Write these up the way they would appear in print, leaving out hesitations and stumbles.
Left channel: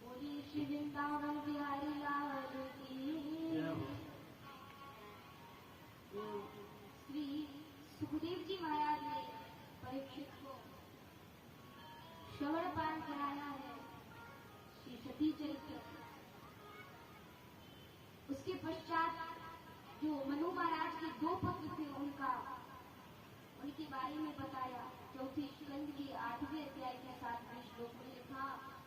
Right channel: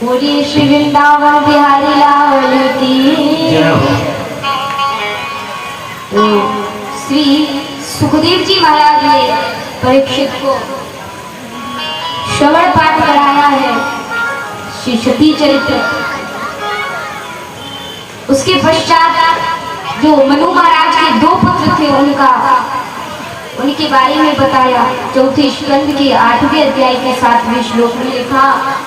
बोलिए श्री वृंदावन बिहारी लाल की। तो श्री सुखदेव जी महाराज ने परीक्षित को श्रवण पाठ कराया है श्री सती चरित्र। उसके पश्चात जो मनु महाराज के 2 पुत्र थे उनके बारे में बताया। चौथे स्कंद के 8वें अध्याय के 7वें श्लोक में लिखा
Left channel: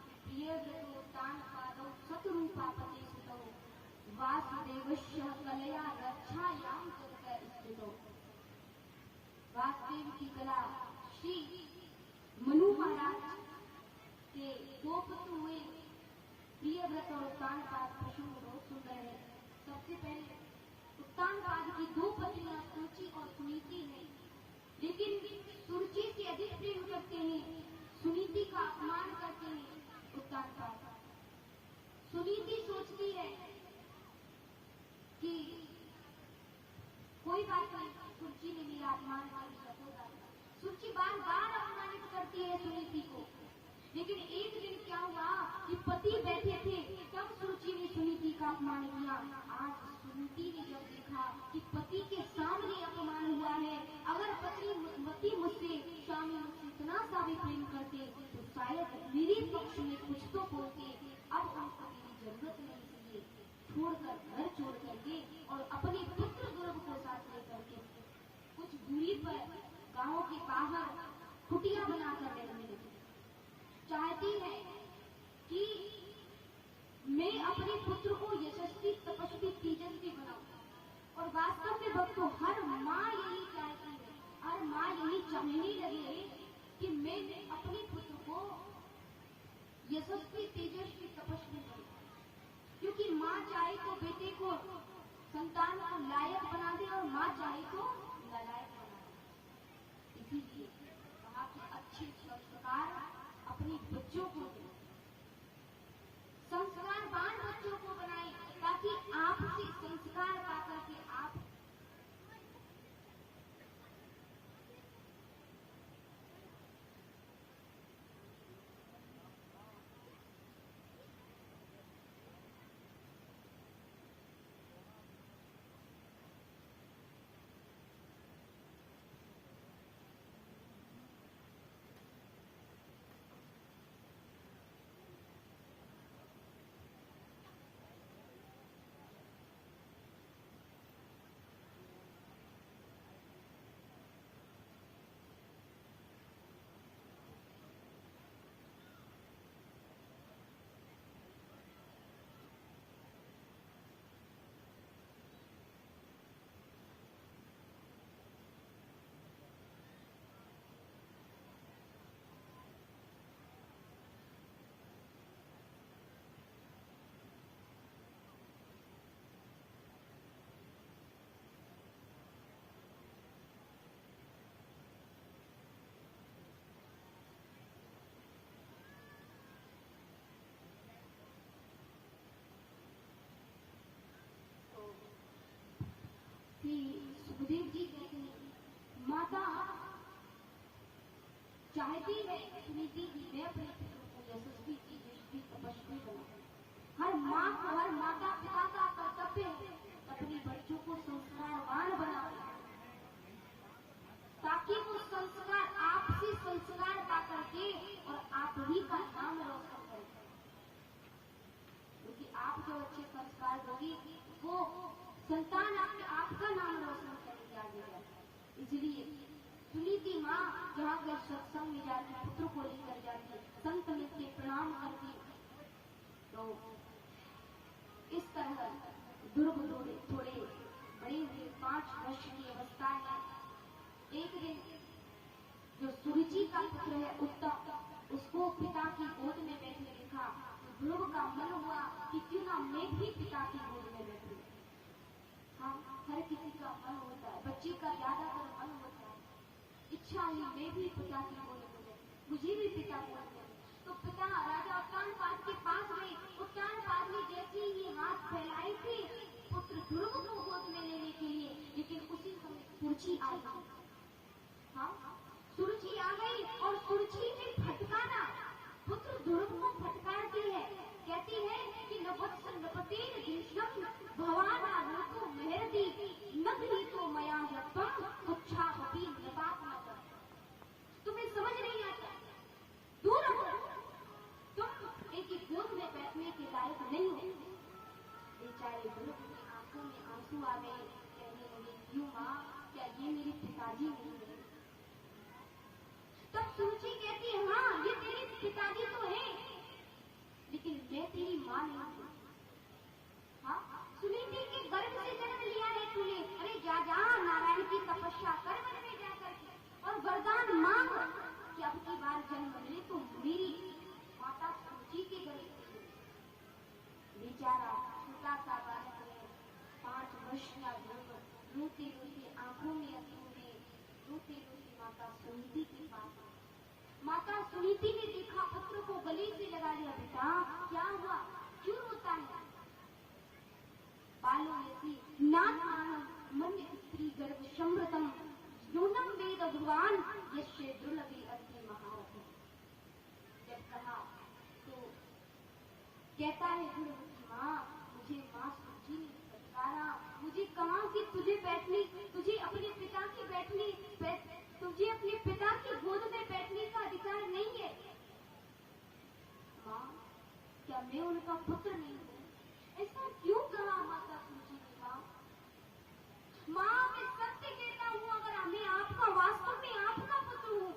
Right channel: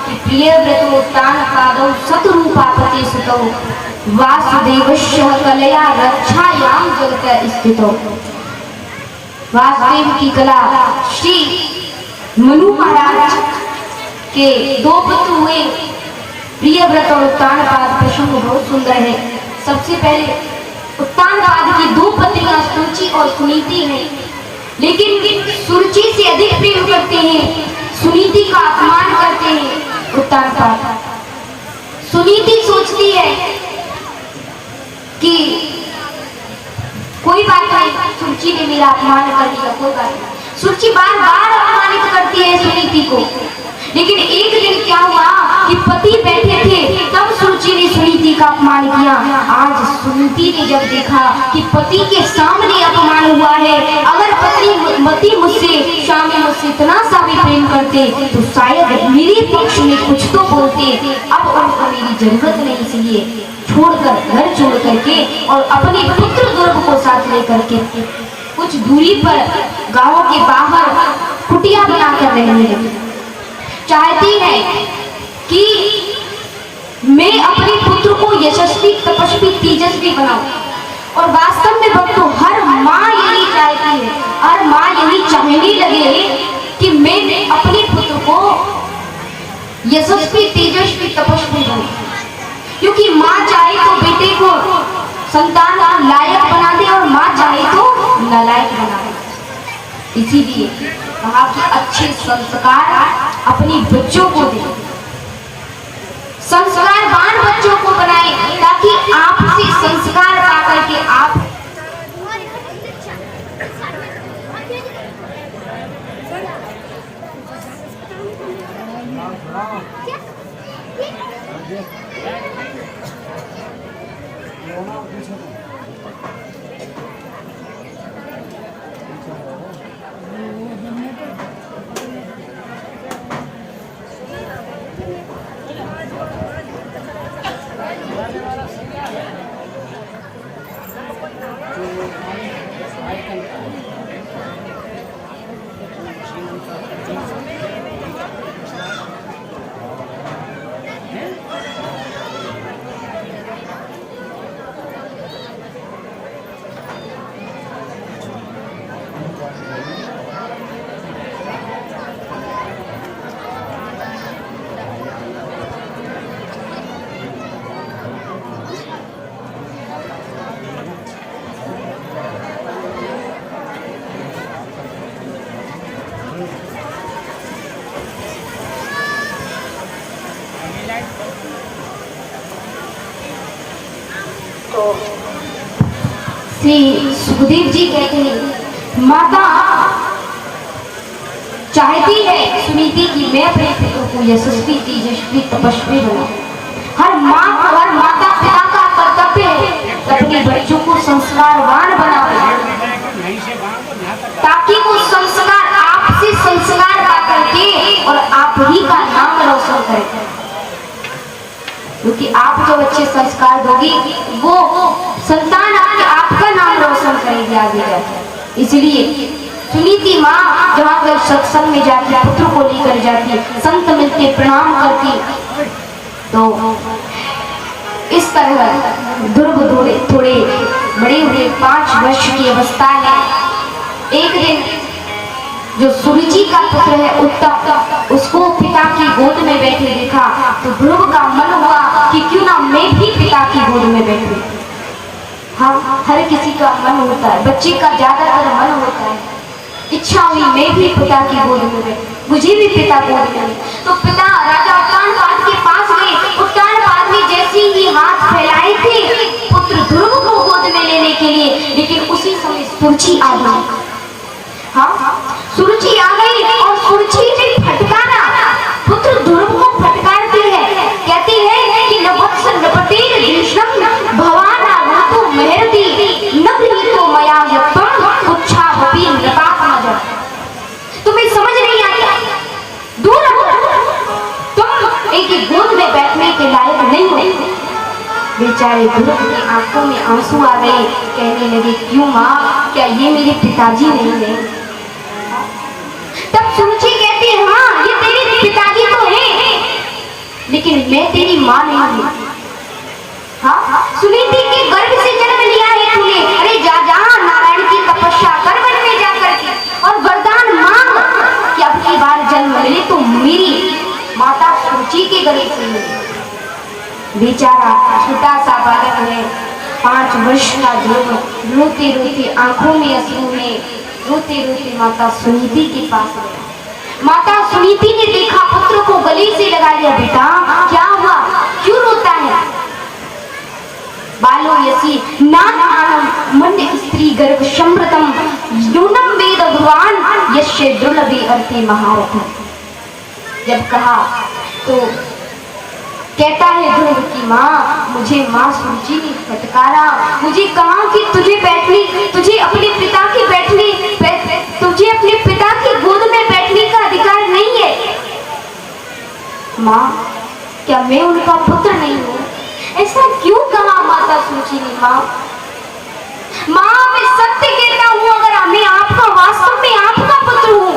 कि प्रिय व्रतोत्तान पादौ शतरूपापति सुतौ वासुदेवस्य कलया रक्षायाम जगत स्थितौ। वासुदेव की कला श्री मनु महाराज के 2 पुत्र हुए। प्रिय व्रत और उत्तान पाद प्रसंग बहुत सुंदर है। सबसे पहले उत्तान पाद की 2 पत्नियां सुरुचि और सुनीति हैं, लेकिन सुरुचि से अधिक प्रेम करते हैं, सुनीति का अपमान करते हैं उत्तान पाद। सुनीति सोचती है कि कोई बात नहीं, सुरुचि ने मेरा अपमान कर दिया, कोई बात नहीं। सुरुचि बार बार अपमानित करती है सुनीति को। लेकिन एक दिन क्या हुआ कि पति बैठे थे, तब सुरुचि ने सुनीति का अपमान किया। आज सुनीति ने जब देखा कि पति के सामने अपमान हुआ है, अगर पति मुझसे स्वामी मुझसे इतना सा भी प्रेम करते तो शायद मेरे पक्ष में कुछ तो बोलते। अब उनको मेरी जरूरत नहीं, इसलिए छोड़कर घर छोड़ करके और अपने पुत्र दुर्ग को साथ लेकर के कुछ दूरी पर गांव के बाहर कुटिया बनाकर रहने लगी। चाहती है कि मैं अपने पुत्र को यशस्वी तपस्वी तेजस्वी बनाऊं। और वास्तव में भक्तों हर माँ यही चाहती है, हर माँ यही चाहने लगे कि मैं अपने पुत्र को यशस्वी तेजस्वी तपस्वी बनाऊं। क्योंकि माँ चाहे तो बेटे को संतान लायक बना दे और माँ चाहे तो नालायक बना दे। इसीलिए कहा कि अच्छे संस्कार अपने बच्चों को दे, संस्कारवान बच्चों को बनाए, ताकि आपसे संस्कार पाकर के आप श्री सुखदेव जी कहते हैं माता चाहती है सुनीति की मैं अपने पुत्र को यशस्वी तेजस्वी तपस्वी बनाऊं। हर माता पिता का कर्तव्य है अपने बच्चों को संस्कारवान बनाए, ताकि वो संस्कार आपसे संस्कार पा करके और आप ही का नाम रोशन करें। क्योंकि आप जो अच्छे संस्कार दोगी वो संतान आपका नाम रोशन करेगी आगे जाकर। इसलिए सुनीति माँ जहाँ पर सत्संग में जाती, पुत्र को लेकर जाती, संत मिलते प्रणाम करती, तो इस तरह ध्रुव थोड़े बड़े हुए 5 वर्ष की अवस्था है। एक दिन जो सुरुचि का पुत्र है उत्तम, उसको पिता की गोद में बैठे देखा तो ध्रुव का मन हुआ कि क्यों ना मैं भी पिता की गोद में बैठूं। हाँ, हर किसी का मन होता है, बच्चे का ज्यादातर मन होता है, इच्छा हुई मैं भी पिता की गोद में बैठूं, मुझे भी पिता गोद में। तो पिता राजा उत्तान पाद के पास गए। उत्तान पाद ने जैसे ही हाथ फैलाए थे पुत्र ध्रुव को गोद में लेने के लिए, लेकिन उसी समय सुरुचि आ गई। हाँ, सुरुचि आ गई और सुरुचि ने फटकारा, पुत्र ध्रुव को फटकारती है, तुम्हें समझ नहीं आता, दूर रहो, तुम एक गोद में बैठने के लायक नहीं हो। बेचारे ध्रुव की आंखों में आंसू आ गए, कहने लगे क्यों माँ, क्या ये मेरे पिताजी नहीं है? तब सुरुचि कहती है हाँ ये तेरे पिताजी तो हैं, लेकिन मैं तेरी माँ नहीं हूँ। हाँ सुनीति के गर्भ से जन्म लिया है तूने, अरे जा जा नारायण की तपस्या कर वन में जाकर के और वरदान मांग कि अब की बार जन्म मिले तो मेरी माता सुरुचि के गर्भ से मिले। बेचारा छोटा सा बालक है, 5 वर्ष का ध्रुव रोते रोते आंखों में अश्रु में रोते रोते माता सुनीति के पास गया। माता सुनीति ने देखा पुत्र को गले से लगा लिया, बेटा क्या हुआ, क्यों रोता है? बालो यसी नाम मंड स्त्री गर्भ समृतम यूनम वेद भगवान यश्य दुर्लभे अर्थे महारथ। जब कहा तो कहता है ध्रुव की माँ, मुझे माँ सुरुचि ने फटकारा, मुझे कहा कि तुझे अपने पिता की तुझे अपने पिता की गोद में बैठने का अधिकार नहीं है। माँ क्या मैं उनका पुत्र नहीं हूँ? ऐसा क्यों कहा माता सुरुचि ने? माँ मैं सत्य कहता हूँ, अगर मैं आपका वास्तव में आपका पुत्र हूँ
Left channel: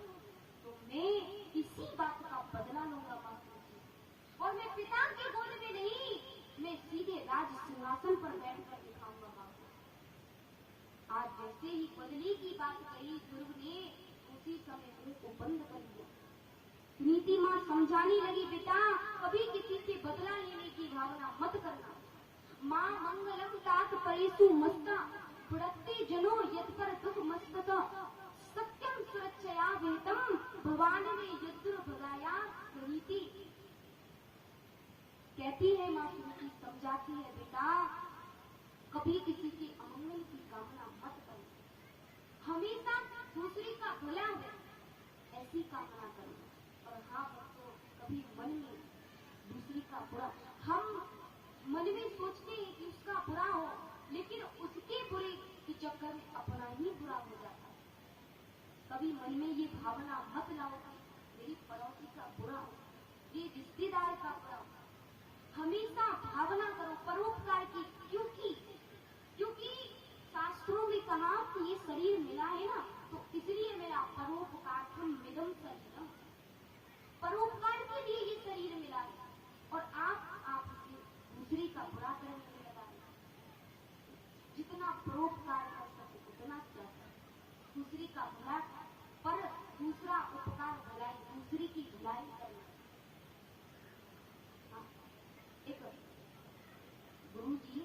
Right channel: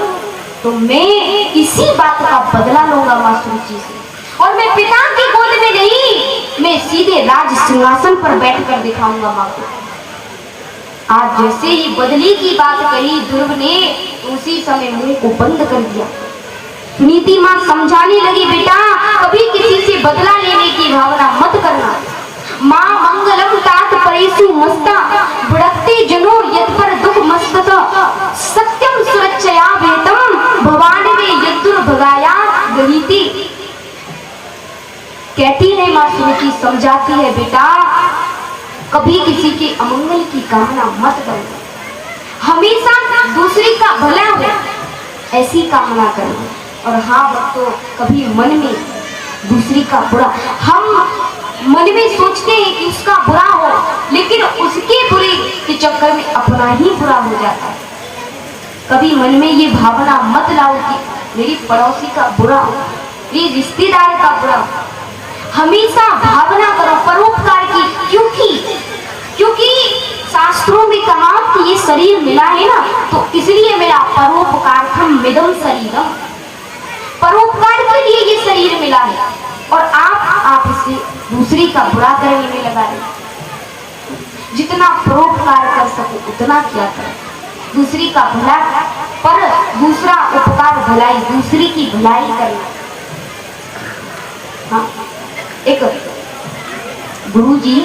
तो मैं इसी बात का बदला लूंगा माँ सुरुचि से, और मैं पिता की गोद में नहीं, मैं सीधे राज सिंहासन पर बैठकर दिखाऊंगा माँ को। आज जैसे ही बदली की बात कही ध्रुव ने, उसी समय मुंह को बंद कर दिया। नीति माँ समझाने लगी, बेटा कभी किसी से बदला लेने की भावना मत करना। माँ मंगलम तात परेशु मस्ता बुड़कते जनो यद पर दुख मस्तत सत्यम सुरक्षया वेतम भवान में यदुर भगाया गरीति। कहती है माँ सुरुचि, समझाती है बेटा कभी किसी के अमंगल की कामना मत करो, हमेशा दूसरे का भला हो ऐसी कामना करो। और हाँ भक्तों, कभी मन में दूसरी का बुरा, हम मन में सोचते हैं कि उसका बुरा हो, लेकिन उसके बुरे के चक्कर में अपना ही बुरा हो जाता है। कभी मन में ये भावना मत लाओ कि मेरी पड़ोसी का बुरा हो, मेरे रिश्तेदार का बुरा हो। हमेशा भावना करो परोपकार की, क्योंकि शास्त्रों में कहा कि ये शरीर मिला है ना, तो इसलिए मेरा परोपकार्थम मिदम शरीरम, परोपकार के लिए ये शरीर मिला है। और आप इसे दूसरे का बुरा करने में लगा रहे। जितना परोपकार कर सको उतना क्या करो, दूसरी का भला, पर दूसरा उपकार भलाई, दूसरी की भलाई करना। हाँ, एक गुरुजी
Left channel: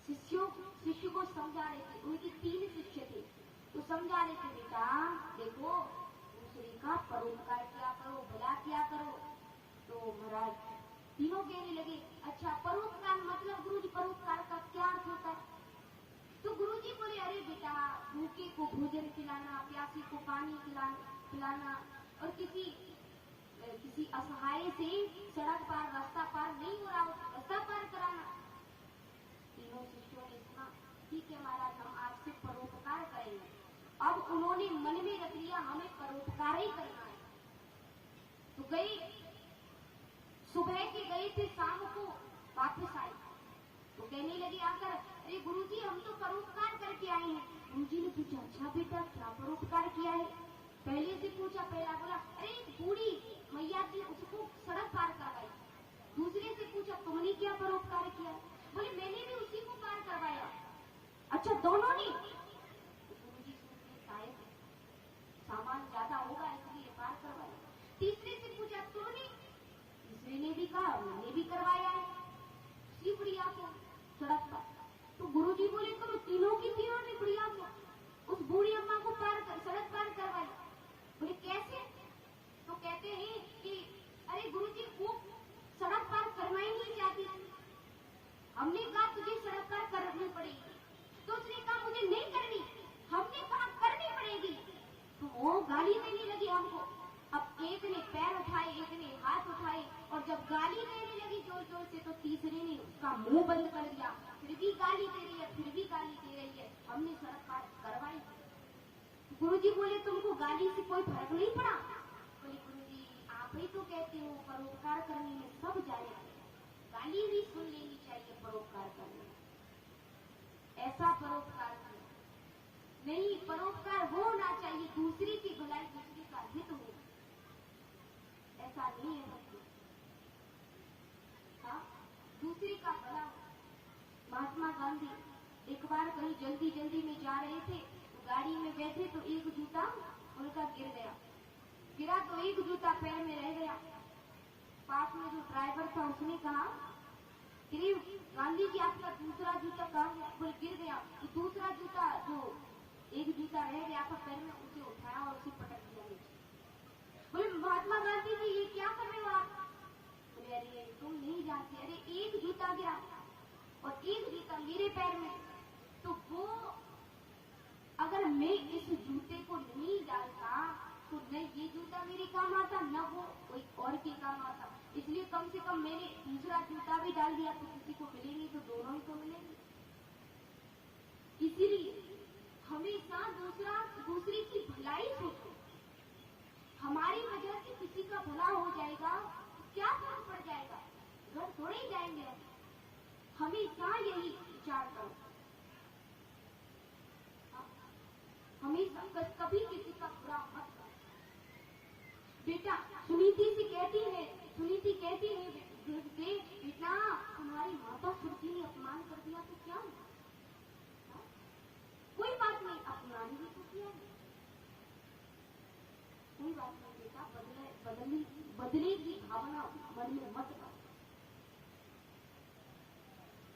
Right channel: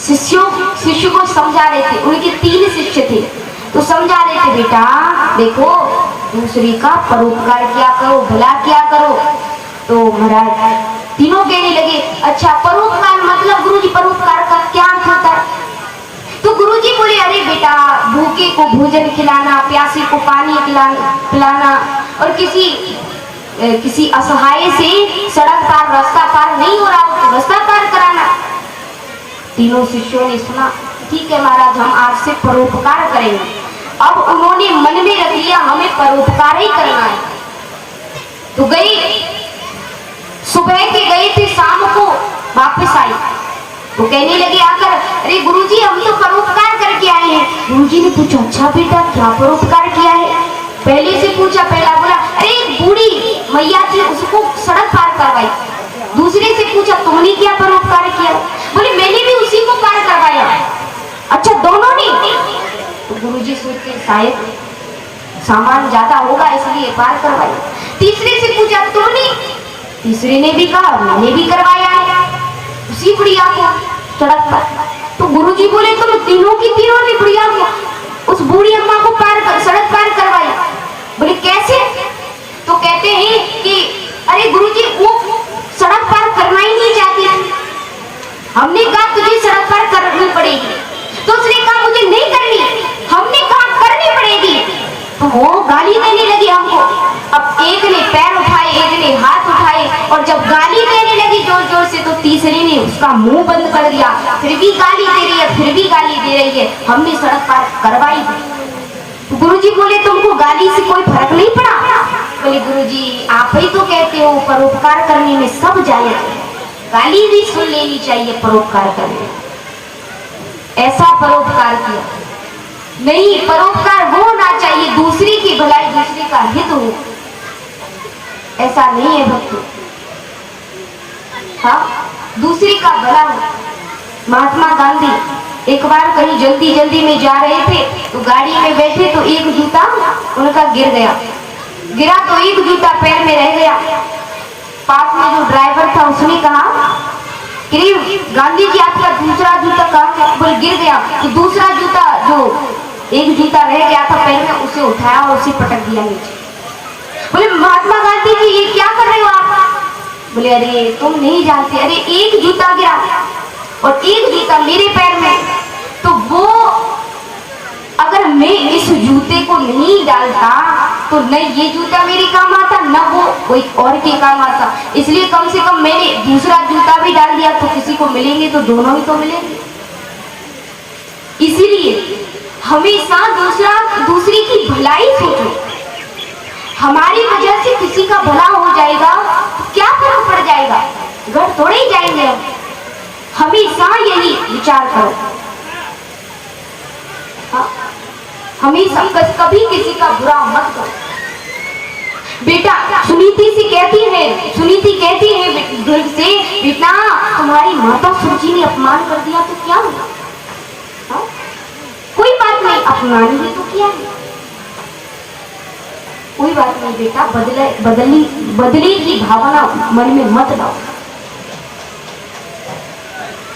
शिष्य को समझा रहे थे, उनके 3 शिष्य थे, तो समझा रहे थे बेटा देखो दूसरे का परोपकार क्या करो, भला क्या करो। तो महाराज तीनों कहने लगे अच्छा परोपकार मतलब गुरुजी परोपकार का क्या अर्थ होता है? तो गुरुजी बोले अरे बेटा भूखे को भोजन खिलाना, प्यासे को पानी पिलाना, और किसी असहाय से सड़क पार रास्ता पार नहीं हो रहा हो तो रास्ता पार कराना। तीनों शिष्यों ने सुना, ठीक है महाराज हम आज से परोपकार करेंगे। अब उन्होंने मन में रख लिया हमें परोपकार ही करना है। तो गए, सुबह के गए थे, शाम को वापस आई तो कहने लगे आकर अरे गुरुजी हम तो परोपकार करके आए हैं। गुरुजी ने पूछा अच्छा बेटा क्या परोपकार किया है? पहले से पूछा, पहला बोला अरे बूढ़ी मैया थी उसको सड़क पार करवाई। दूसरे से पूछा तुमने क्या परोपकार किया? बोले मैंने भी उसी को पार करवाया। अच्छा दोनों ने? तो गुरुजी सोचते शायद सामान ज्यादा होगा इसलिए पार करवाया। तीसरे से पूछा तुमने? तीसरे ने भी कहा मैंने भी करवाया है उसी बुढ़िया को सड़क पर। तो गुरुजी बोले तुम तीनों की तीनों ने बुढ़िया को, उस बूढ़ी अम्मा को सड़क पार करवाई। बोले कैसे? तो कहते हैं कि अरे गुरुजी वो सड़क पार करना ही नहीं चाहती, हमने कहा तुझे सड़क पार करनी पड़ेगी, तो उसने कहा मुझे नहीं करनी, हमने कहा करनी पड़ेगी, तो वो गाली देने लगी हमको। अब एक ने पैर उठाए, एक ने हाथ उठाए, और जब गाली देने लगी जोर जोर से तो तीसरे ने उसका मुंह बंद कर दिया। फिर भी गाली दे रही है, फिर भी गाली दे रही है, हमने सड़क पार करवाई। गुरुजी बोले तुमको गाली से कोई फर्क नहीं पड़ा? हो, परोपकार करने में सब जायज है, गाली भी सुन लेनी चाहिए परोपकार करने, ऐसा परोपकार किया नहीं। परोपकार वो होना चाहिए दूसरी की भलाई, दूसरे का हित हो, ऐसा नहीं है भक्तों। हाँ, दूसरे का भला हो। महात्मा गांधी एक बार कहीं जल्दी जल्दी में जा रहे थे, तो गाड़ी में बैठे तो एक जूता उनका गिर गया, गिरा तो एक जूता पैर में रह गया। पास में जो ड्राइवर था उसने कहा कि गांधी जी आपका दूसरा जूता कहाँ? बोले गिर गया। तो दूसरा जूता जो एक जूता रह गया था पैर में, उसे उठाया और उसे पटक दिया नीचे। बोले महात्मा गांधी जी ये क्या कर रहे हो आप? बोले अरे तुम नहीं जानते, अरे एक जूता गिरा और एक जूता मेरे पैर में, तो वो अगर मैं इस जूते को नहीं डालता तो न ये जूता मेरे काम आता, न वो कोई और के काम आता। इसलिए कम से कम मैंने दूसरा जूता भी डाल दिया, तो किसी को मिलेंगे तो दोनों ही तो मिलेंगे। इसीलिए हमेशा दूसरी की भलाई सोचो। हमारी वजह से किसी का भला हो जाएगा तो क्या फर्क पड़ जाएगा, घर थोड़े ही जाएंगे हम। हमेशा यही विचार करो, हाँ? हमेशा कभी किसी का बुरा मत करो। बेटा सुनीति कहती है दुर्ग से, बेटा तुम्हारी माता सुची ने अपमान कर दिया तो क्या हुआ? हाँ? कोई बात नहीं, अपमान ही तो किया है, कोई बात नहीं बेटा, बदले की भावना मन में मत लाओ,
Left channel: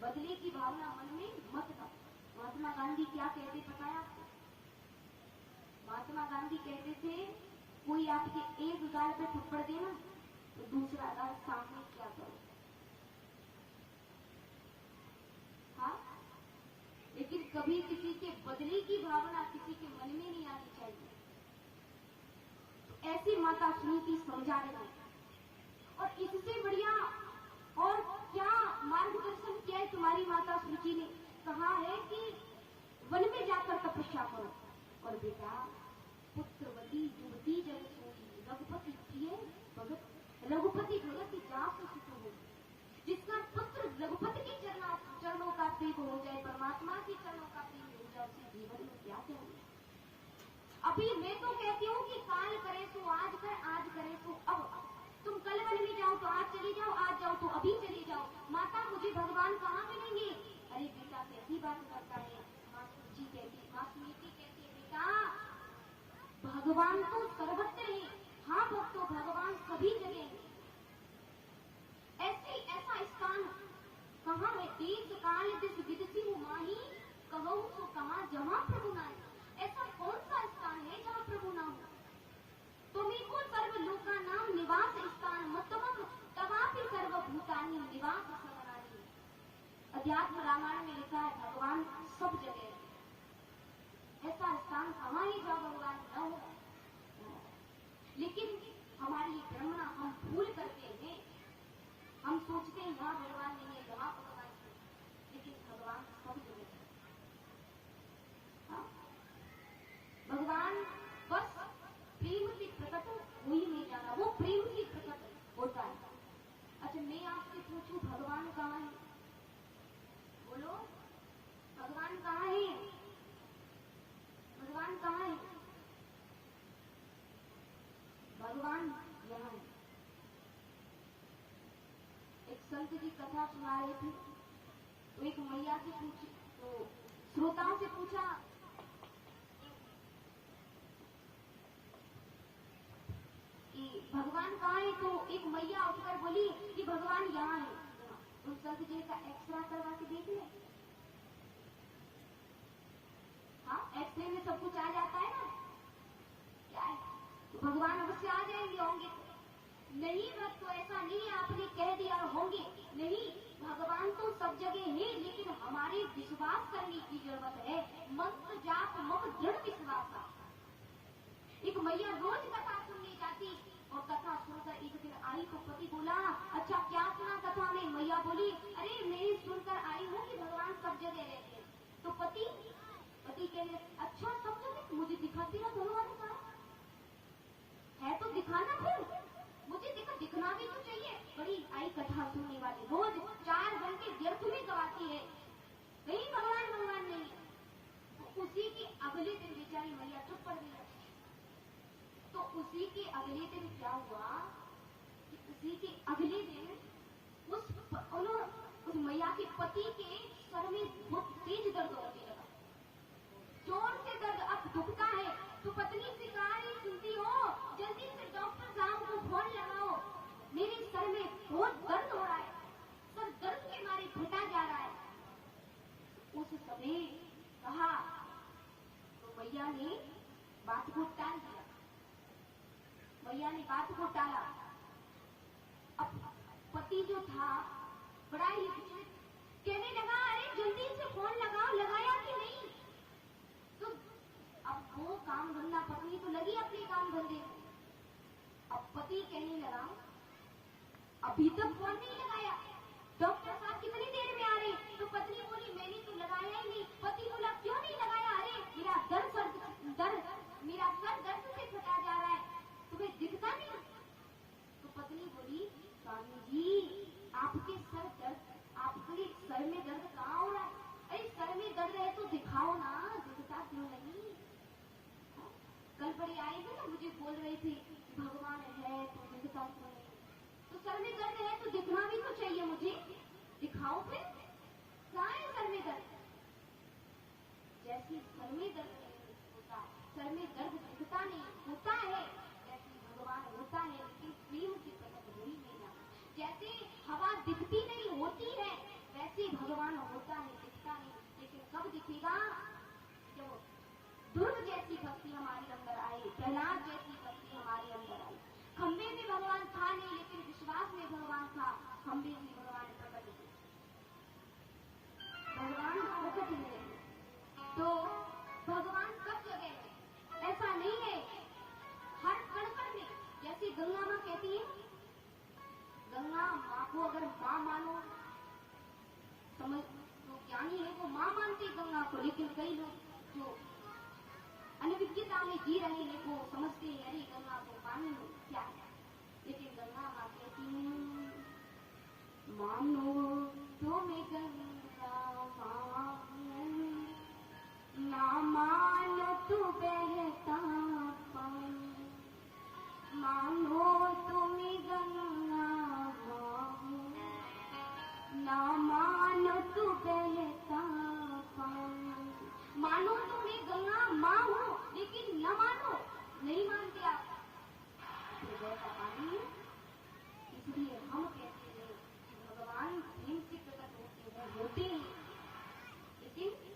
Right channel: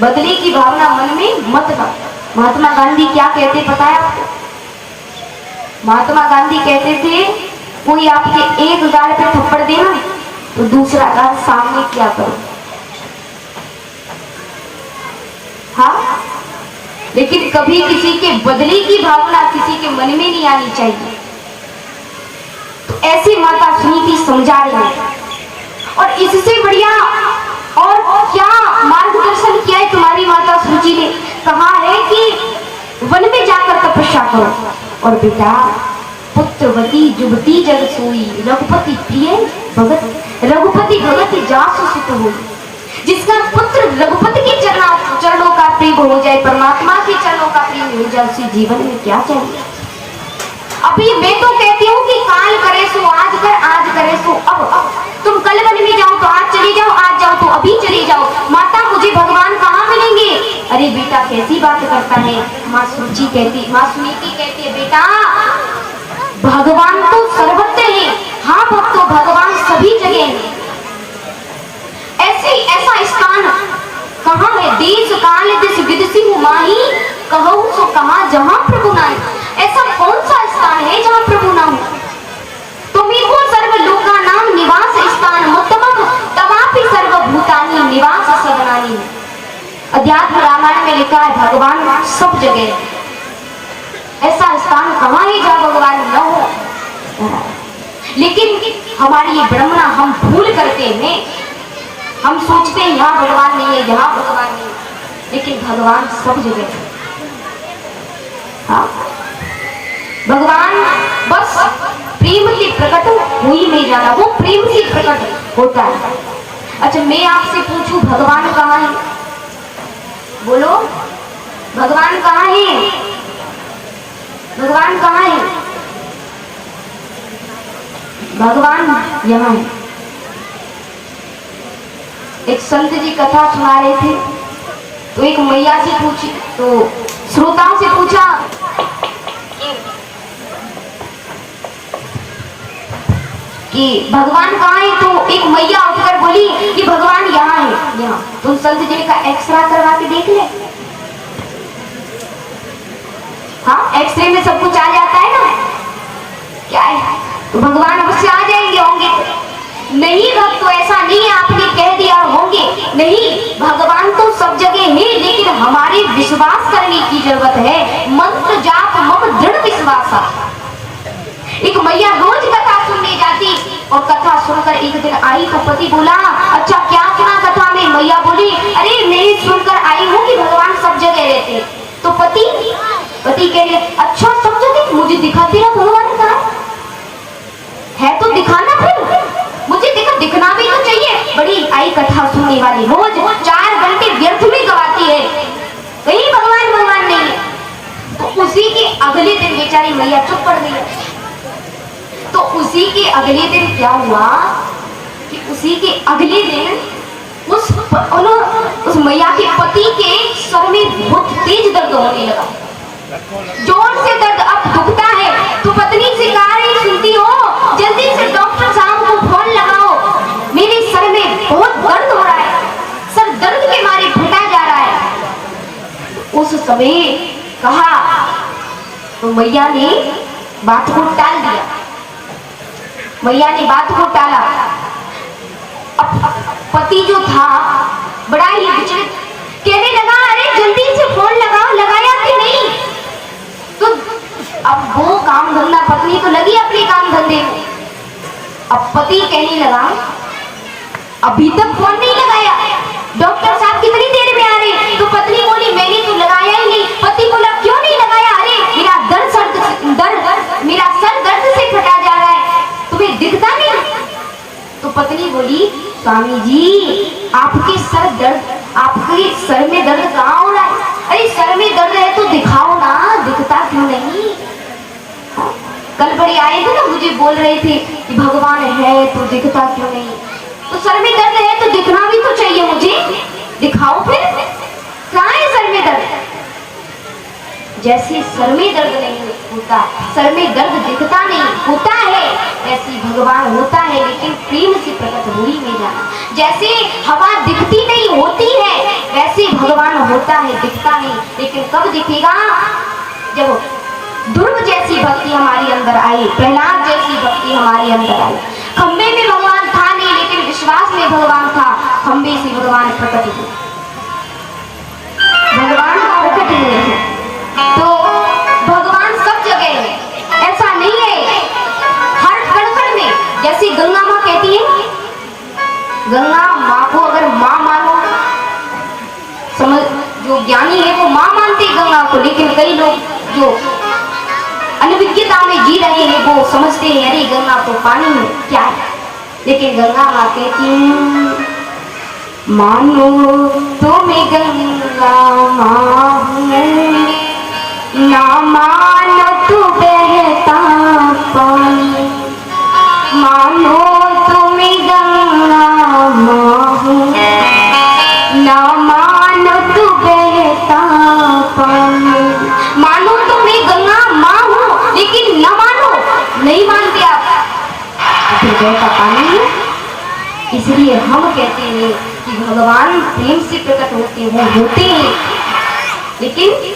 बदले की भावना मन में मत लाओ। महात्मा गांधी क्या कहते पता है आपको? महात्मा गांधी कहते थे कोई आपके एक गाल पे थप्पड़ देना तो दूसरा गाल सामने क्या करो। हाँ, लेकिन कभी किसी के बदले की भावना किसी के मन में नहीं आनी चाहिए। तो ऐसी माता सुनीति समझा रही है, और इससे बढ़िया और क्या मार्गदर्शन किया है तुम्हारी माता सुची ने? कहा है कि वन में जाकर तपस्या करो, और बेटा पुत्रवती जुबती जग सोई, रघुपति प्रिय भगत, रघुपति भगत जासु सुत होई। जिसका पुत्र रघुपति के चरणों का प्रेम हो जाए, परमात्मा के चरणों का प्रेम हो जाए, उसी जीवन में क्या चाहिए? अभी मैं तो कहती हूँ कि काल करे सो आज कर, आज करे सो अब। तुम कल वन में जाओ तो आज चले जाओ, आज जाओ तो अभी चले जाओ। माता मुझे भगवान कहाँ मिलेंगे? अरे बेटा कैसी बात करता है? माँ सुनीति कहती है बेटा भगवान तो सर्वत्र है। हाँ भक्तों, भगवान सभी जगह है। ऐसा स्थान कहाँ है? देश काल दिस विदसी माही, कहूँ सो कहाँ जहाँ प्रभु ना। ऐसा कौन सा स्थान है जहाँ प्रभु ना हो? तुमिको सर्वलोका नाम निवास स्थान उत्तमम तवापि सर्वभूतानि निवास सदनानि। अध्यात्म रामायण में लिखा है भगवान सब जगह है। ऐसा स्थान कहाँ है जहाँ भगवान न हो? लेकिन हमारी ये भ्रमणा हम भूल करते हैं। हम सोचते हैं यहाँ भगवान नहीं है, यहाँ भगवान नहीं है, लेकिन भगवान सब जगह है। हाँ, भगवान बस प्रेम से प्रकट हुई नहीं जाना, वो प्रेम से प्रकट होता है। अच्छा मैं आपसे पूछूं भगवान कहाँ है? बोलो भगवान कहाँ है? भगवान कहाँ है? भगवान यहाँ है। एक संत जी कथा सुना रहे थे, तो एक मैया से पूछी, तो श्रोताओं से पूछा कि भगवान कहाँ है? तो एक मैया उठकर बोली कि भगवान यहाँ है, यहाँ। तो संत जी ने कहा एक्सरे करवा के देख ले। हाँ, एक्सरे में सब कुछ आ जाता है ना, क्या है? तो भगवान अवश्य आ जाएंगे, होंगे नहीं भक्तों, ऐसा नहीं है आपने कह दिया होंगे नहीं। भगवान तो सब जगह है, लेकिन हमारे विश्वास करने की जरूरत है। मंत्र जाप मम दृढ़ विश्वास। एक मैया रोज कथा सुनने जाती, और कथा सुनकर एक दिन आई तो पति बोला अच्छा क्या सुना कथा में? मैया बोली अरे मैं सुनकर आई हूँ कि भगवान सब जगह रहते। तो पति कह रहे अच्छा सब जगह? मुझे दिखाती रहा भगवान कहाँ है, तो दिखाना, फिर मुझे दिखना भी बड़ी आई कथा सुनने वाली, रोज 4 घंटे व्यर्थ में गवाती है, कहीं भगवान भगवान नहीं है। तो उसी के अगले दिन बेचारी मैया चुप पड़ गई। तो उसी के अगले दिन क्या हुआ कि उसी के अगले दिन उस मैया के पति के सर में बहुत तेज दर्द होने लगा, जोर से दर्द अब दुखता है। तो पत्नी से कहा रही, सुनती हो, जल्दी से डॉक्टर साहब को फोन लगाओ, मेरे सर में बहुत दर्द हो रहा है, सर दर्द के मारे फटा जा रहा है। उस समय कहा तो मैया ने बात को टाल दिया, मैया ने बात को टाला। अब पति जो था बड़ा ही विचलित, कहने लगा, अरे जल्दी से फोन लगाओ, लगाया कि नहीं? तो अब वो काम धंधा, पत्नी तो लगी अपने काम धंधे में। अब पति कहने लगा, अभी तक फोन नहीं लगाया, डॉक्टर साहब कितनी देर में आ रहे? तो पत्नी बोली, मैंने तो लगाया ही नहीं। पति बोला, क्यों नहीं लगाया? अरे मेरा मेरा सर दर्द से फटा जा रहा है, तुम्हें दिखता नहीं? तो पत्नी बोली, स्वामी जी आपके सर में दर्द कहाँ हो रहा है? अरे सर में दर्द है तो दिखाओ ना, दिखता क्यों नहीं? कल बड़े आए थे ना, मुझे बोल रहे थे कि भगवान है तो दिखता क्यों नहीं? तो सर में दर्द है तो दिखना भी तो चाहिए मुझे, दिखाओ फिर, कहाँ है सर में दर्द? जैसे सर में दर्द नहीं होता, सर में दर्द दिखता नहीं होता है, ऐसे भगवान होता है लेकिन प्रेम से प्रकट हो ही नहीं जाना। जैसे हवा दिखती नहीं होती है, वैसे भगवान होता है, दिखता नहीं, लेकिन कब दिखेगा? जब ध्रुव जैसी भक्ति हमारे अंदर आई, प्रहलाद जैसी भक्ति हमारे अंदर आई। खंबे में भगवान था नहीं, लेकिन विश्वास में भगवान था, खंबे से भगवान प्रकट हुए, भगवान प्रकट हुए हैं। तो भगवान सब जगह है, ऐसा नहीं है, हर कण में। जैसे गंगा माँ कहती है, गंगा माँ को अगर माँ मानो, समझ, जो ज्ञानी है वो माँ मानते हैं गंगा को, लेकिन कई लोग जो अनभिज्ञता में जी रहे हैं वो समझते हैं अरे गंगा तो पानी है, क्या है? लेकिन गंगा माँ कहती है, मानो तुम्हें गंगा माँ, ना मानो तू बहता पानी, मानो तुम्हें गंगा माँ, ना मानो तू बहता पानी। मानो तो मैं गंगा माँ हूँ, लेकिन न मानो, नहीं मानते आप, फिर बहता पानी है। इसलिए हम कहते हैं कि भगवान प्रेम से प्रकट होते हैं, लेकिन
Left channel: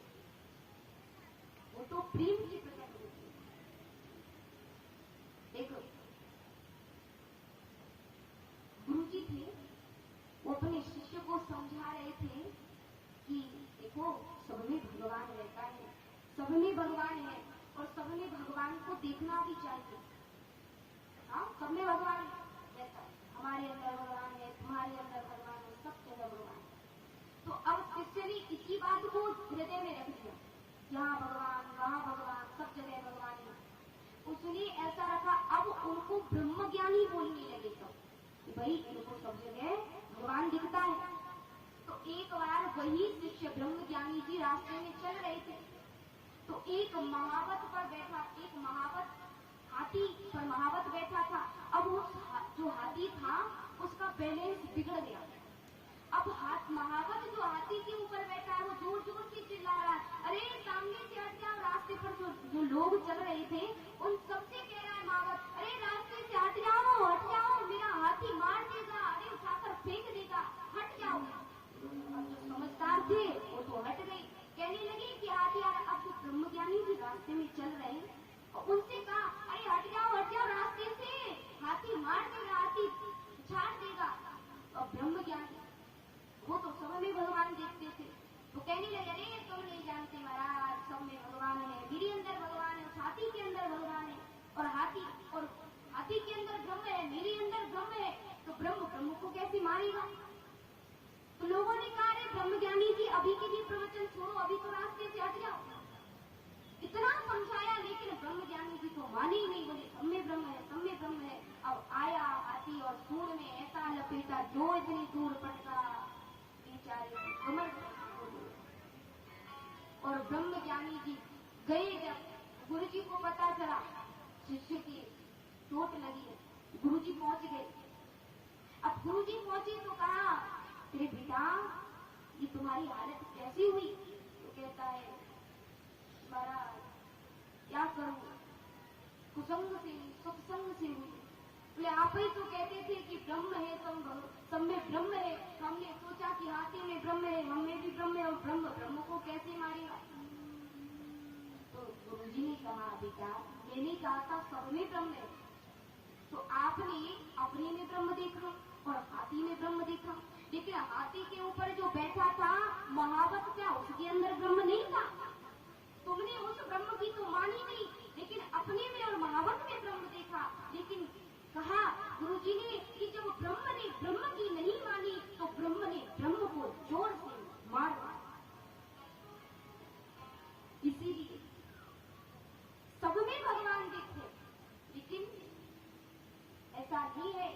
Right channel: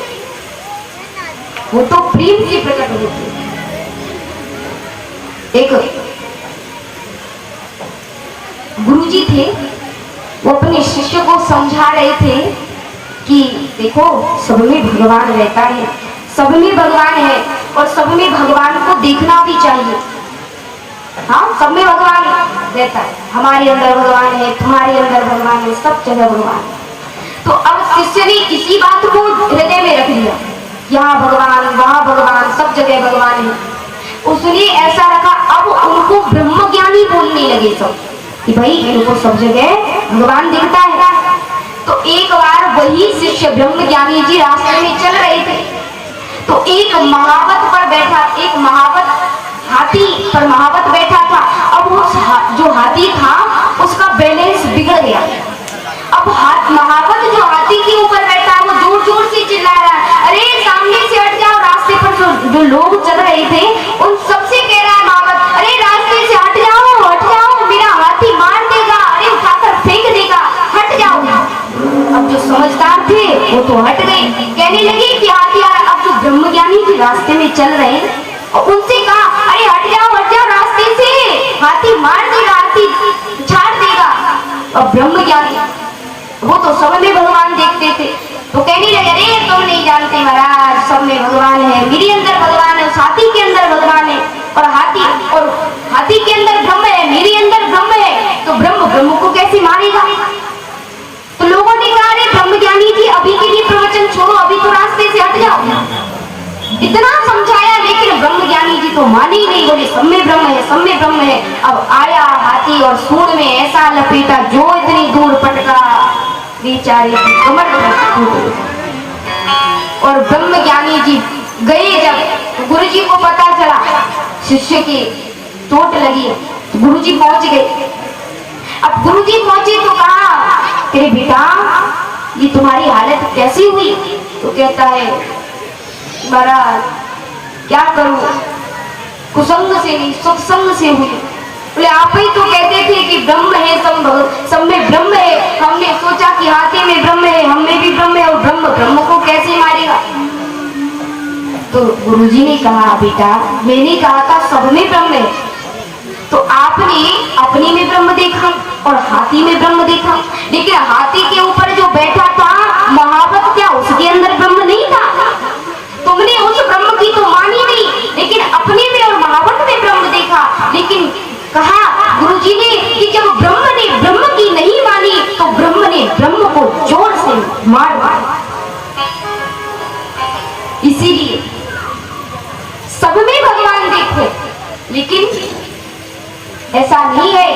वो तो प्रेम से प्रकट होते हैं। एक गुरुजी थे, वो अपने शिष्य को समझा रहे थे कि देखो सब में भगवान रहता है, सब में भगवान है और सब में भगवान को देखना भी चाहिए। हाँ, सब में भगवान रहता है, हमारे अंदर भगवान है, तुम्हारे अंदर भगवान है, सब जगह भगवान है। तो अब शिष्य ने इसी बात को हृदय में रख लिया, यहाँ भगवान, वहाँ भगवान, सब जगह भगवान है। उसने ऐसा रखा, अब उनको ब्रह्म ज्ञानी बोलने लगे सब कि भाई इनको सब जगह भगवान दिखता है। तो एक बार वही शिष्य ब्रह्म ज्ञानी जी रास्ते में चल रहे थे, तो एक महावत पर बैठा, एक महावत हाथी पर महावत बैठा था। अब उस जो हाथी था उसका बैलेंस बिगड़ गया। अब महावत जो हाथी के ऊपर बैठा वो जोर जोर से चिल्ला रहा है, अरे सामने से हट जाओ। रास्ते पर जो लोग चल रहे थे उन सबसे कह रहा है महावत, अरे रास्ते से हट जाओ, मेरा हाथी मार देगा, अरे उठाकर फेंक देगा, हट जाओ। अब जो समझदार थे वो तो हट गए, कहने लगे कि हाथी आ रहा। अब जो ब्रह्मज्ञानी जी रास्ते में चल रहे हैं और उनसे कहा, अरे हट जाओ रास्ते से, हाथी मार देगा, हाथी छाड़ देगा। और ब्रह्मज्ञानी वो तो सब में भगवान देखते थे, तो कहने लगे, अरे तुम नहीं जानते महाराज, सब में भगवान है, मेरे अंदर भगवान है, हाथी के अंदर भगवान है, और हाथी के अंदर ब्रह्म है, मेरे अंदर ब्रह्म है, तो ब्रह्म को कैसे मारेगा? तो लोगों ने कहा, अरे ब्रह्मज्ञानी जी अभी के लिए प्रवचन छोड़ो, अभी तो रास्ते से हट जाओ। इतना समझाया लेकिन ब्रह्मज्ञानी जी तो माने ही नहीं, बोले सब में ब्रह्म है, सब में ब्रह्म है। अब आया हाथी हाथी और सूंड में ऐसा लपेटा जो इतनी दूर पटका बेचारे की कमर टूट गई। और ब्रह्म ज्ञानी जी गए जब गुरु जी को पता चला शिष्य की चोट लगी, तो गुरु जी पहुंच गए। अब गुरु जी पहुंचे तो कहा, तेरे बेटा ये तुम्हारी हालत कैसी हुई? तो कहता है, महाराज क्या करूं, कुसंग से नहीं सत्संग से हुई। बोले आप ही तो कहते थे कि ब्रह्म है, सब में ब्रह्म है। हमने सोचा कि हाथी में ब्रह्म है, हम में भी ब्रह्म है, और ब्रह्म को कैसे मारेगा? तो गुरुजी ने कहा, बेटा मैंने कहा था सब में ब्रह्म है, तो आपने अपने में ब्रह्म देखा और हाथी में ब्रह्म देखा, लेकिन हाथी के ऊपर जो बैठा था महावत, क्या उसके अंदर ब्रह्म नहीं था? तुमने उस ब्रह्म की तो मानी नहीं, लेकिन अपने में और महावत में ब्रह्म देखा। लेकिन कहा गुरुजी ने कि जब ब्रह्म ने ब्रह्म की नहीं मानी तो ब्रह्म ने ब्रह्म को जोर से मार मारा। इसीलिए सब में भगवान देखो, लेकिन ऐसा नहीं है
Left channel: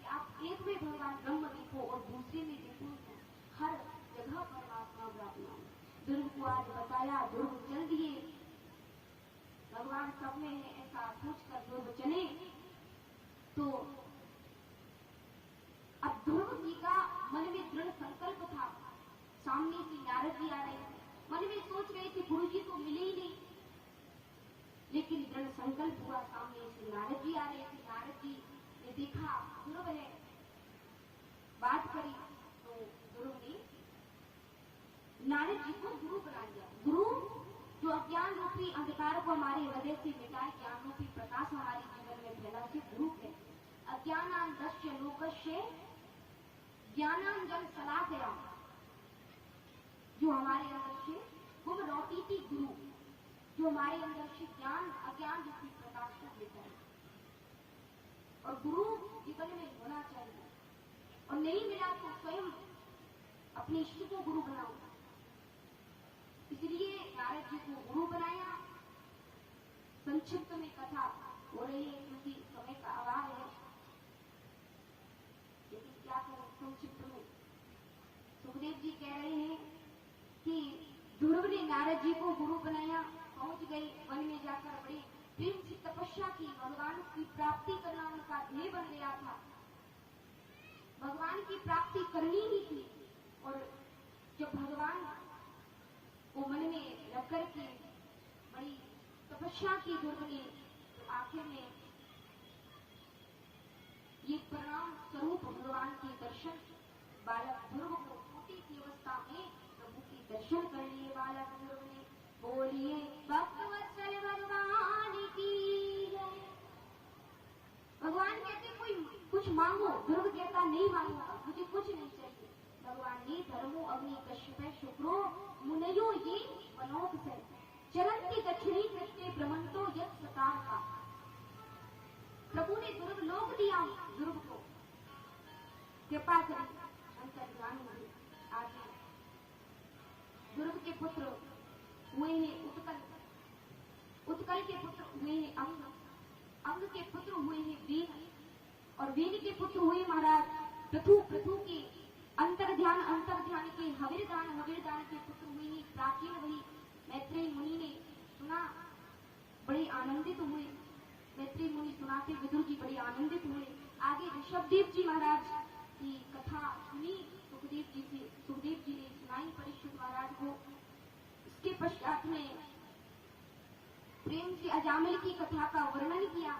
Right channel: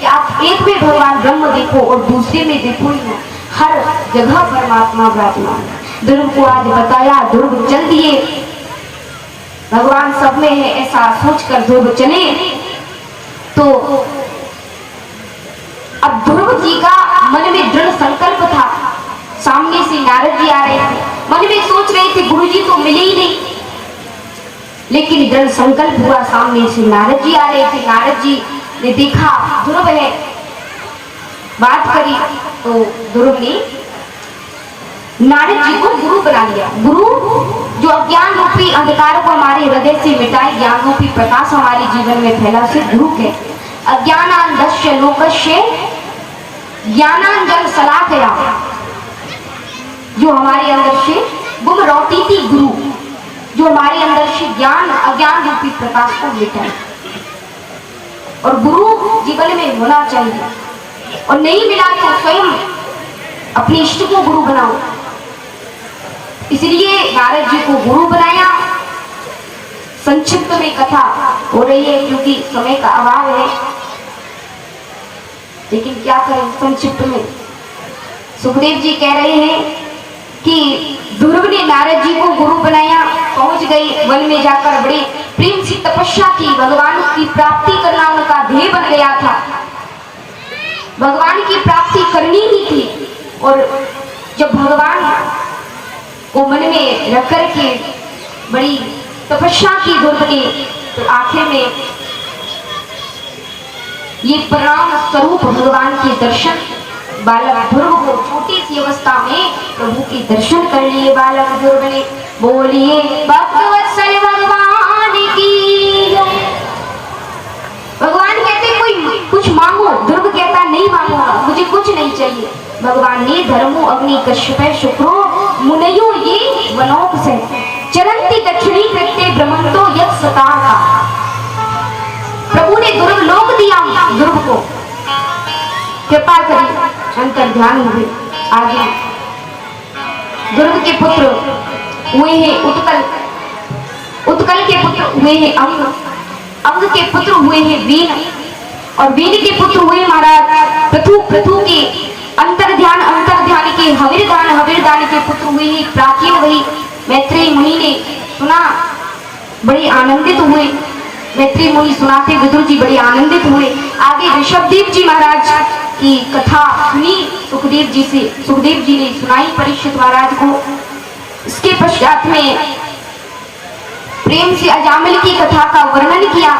कि आप एक में भगवान ब्रह्म देखो और दूसरे में देखो ही ना। हर जगह परमात्मा विराजमान है। ध्रुव को आज बताया, ध्रुव चल दिए, भगवान सब में है ऐसा सोचकर ध्रुव चले। तो अब ध्रुव जी का मन में दृढ़ संकल्प था। सामने से नारद जी आ रहे थे, मन में सोच रहे थे गुरु जी तो मिले ही नहीं, लेकिन दृढ़ संकल्प हुआ, सामने से नारद जी आ रहे थे। नारद जी ने देखा ध्रुव है, बात करी तो ध्रुव ने नारद जी को गुरु बना लिया। गुरु जो अज्ञान रूपी अंधकार को हमारे हृदय से मिटाए, ज्ञान रूपी प्रकाश हमारे जीवन में फैला, उसे गुरु के अज्ञानांधस्य लोकस्य ज्ञानांजन शलाकया, जो हमारे अंदर से गुम रोटी थी गुरु, जो हमारे अंदर से ज्ञान अज्ञान रूपी प्रकाश को मिटाए। और गुरु जीवन में होना चाहिए, और नहीं मिला तो स्वयं अपने इष्ट को गुरु बनाओ। इसलिए नारद जी को गुरु बनाया। संक्षिप्त में कथा हो रही है क्योंकि समय का अभाव है, लेकिन क्या करें संक्षिप्त में। सुखदेव जी कह रहे हैं कि ध्रुव ने नारद जी को गुरु बनाया, पहुंच गए वन में जाकर बड़ी प्रेम से तपस्या की, भगवान की प्राप्ति करना उनका ध्येय बन गया था, भगवान की प्राप्ति करनी ही थी। और जब भगवान को मन में रख करके बड़ी तपस्या की ध्रुव ने, तो आखिर में ये परम स्वरूप भगवान के दर्शन बालक ध्रुव को छोटी सी अवस्था में प्रभु के दर्शन कर लिए बालक ध्रुव ने। बोलिए भक्तवत्सल भगवान की। भगवान कहते कोई कुछ मांगो, ध्रुव कहता नहीं मांगूंगा, मुझे कुछ नहीं चाहिए। भगवान ने धर्मो अग्नि कश्यप शुक्रो मुनयो ये वनोक से चरंती दक्षिणी कृत्य ब्रह्मंतो यत् सताका। प्रभु ने ध्रुव लोक दिया, ध्रुव को कृपा करी, अंतर ध्यान हुए। आगे ध्रुव के पुत्र हुए हैं उत्कल, उत्कल के पुत्र हुए हैं अंग, अंग के पुत्र हुए हैं वीन, और वीन के पुत्र हुए महाराज पृथु, पृथु के अंतर ध्यान के हविर्दान, हविर्दान के पुत्र हुए हैं प्राचीन। वही मैत्रेय मुनि ने सुना, बड़े आनंदित हुए। मैत्रेय मुनि सुनाते विदुर जी बड़े आनंदित हुए। आगे ऋषभदेव जी महाराज की कथा सुनी सुखदेव जी से, सुखदेव जी ने सुनाई परीक्षित महाराज को। इसके पश्चात में प्रेम से अजामिल की कथा का वर्णन किया,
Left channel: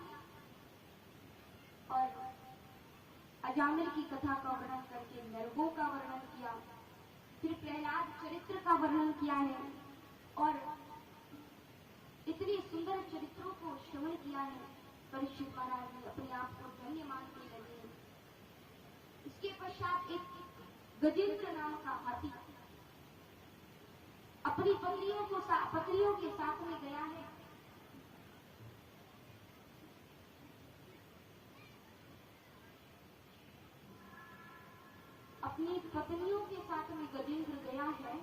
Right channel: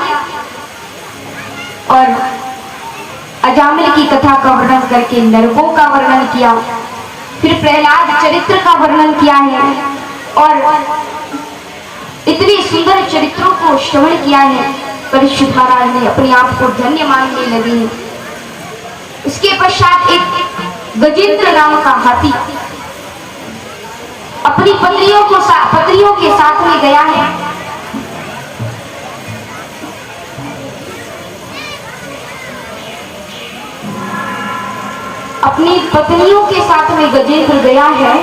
और अजामिल की कथा का वर्णन करके नरकों का वर्णन किया। फिर प्रहलाद चरित्र का वर्णन किया है, और इतने सुंदर चरित्रों को श्रवण किया है। परीक्षित महाराज ने अपने आप को धन्य मानने लगे। इसके पश्चात एक गजेंद्र नाम का हाथी अपनी पत्नियों के साथ में गया है। अपनी पत्नियों के साथ में गजेंद्र गया है,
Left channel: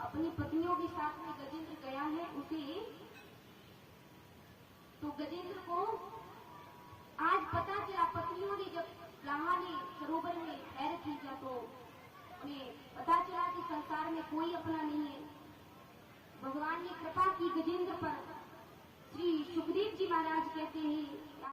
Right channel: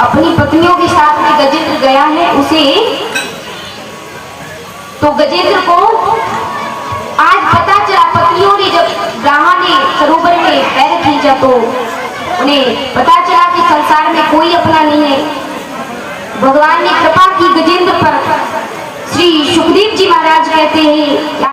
अपनी पत्नियों के साथ में गजेंद्र गया है। उसे तो गजेंद्र को आज पता चला, पत्नियों ने जब ब्राह्मण ने सरोवर में पैर खींचा तो उन्हें पता चला कि संसार में कोई अपना नहीं है। भगवान ने कृपा की गजेंद्र पर। श्री सुखदेव जी महाराज कहते हैं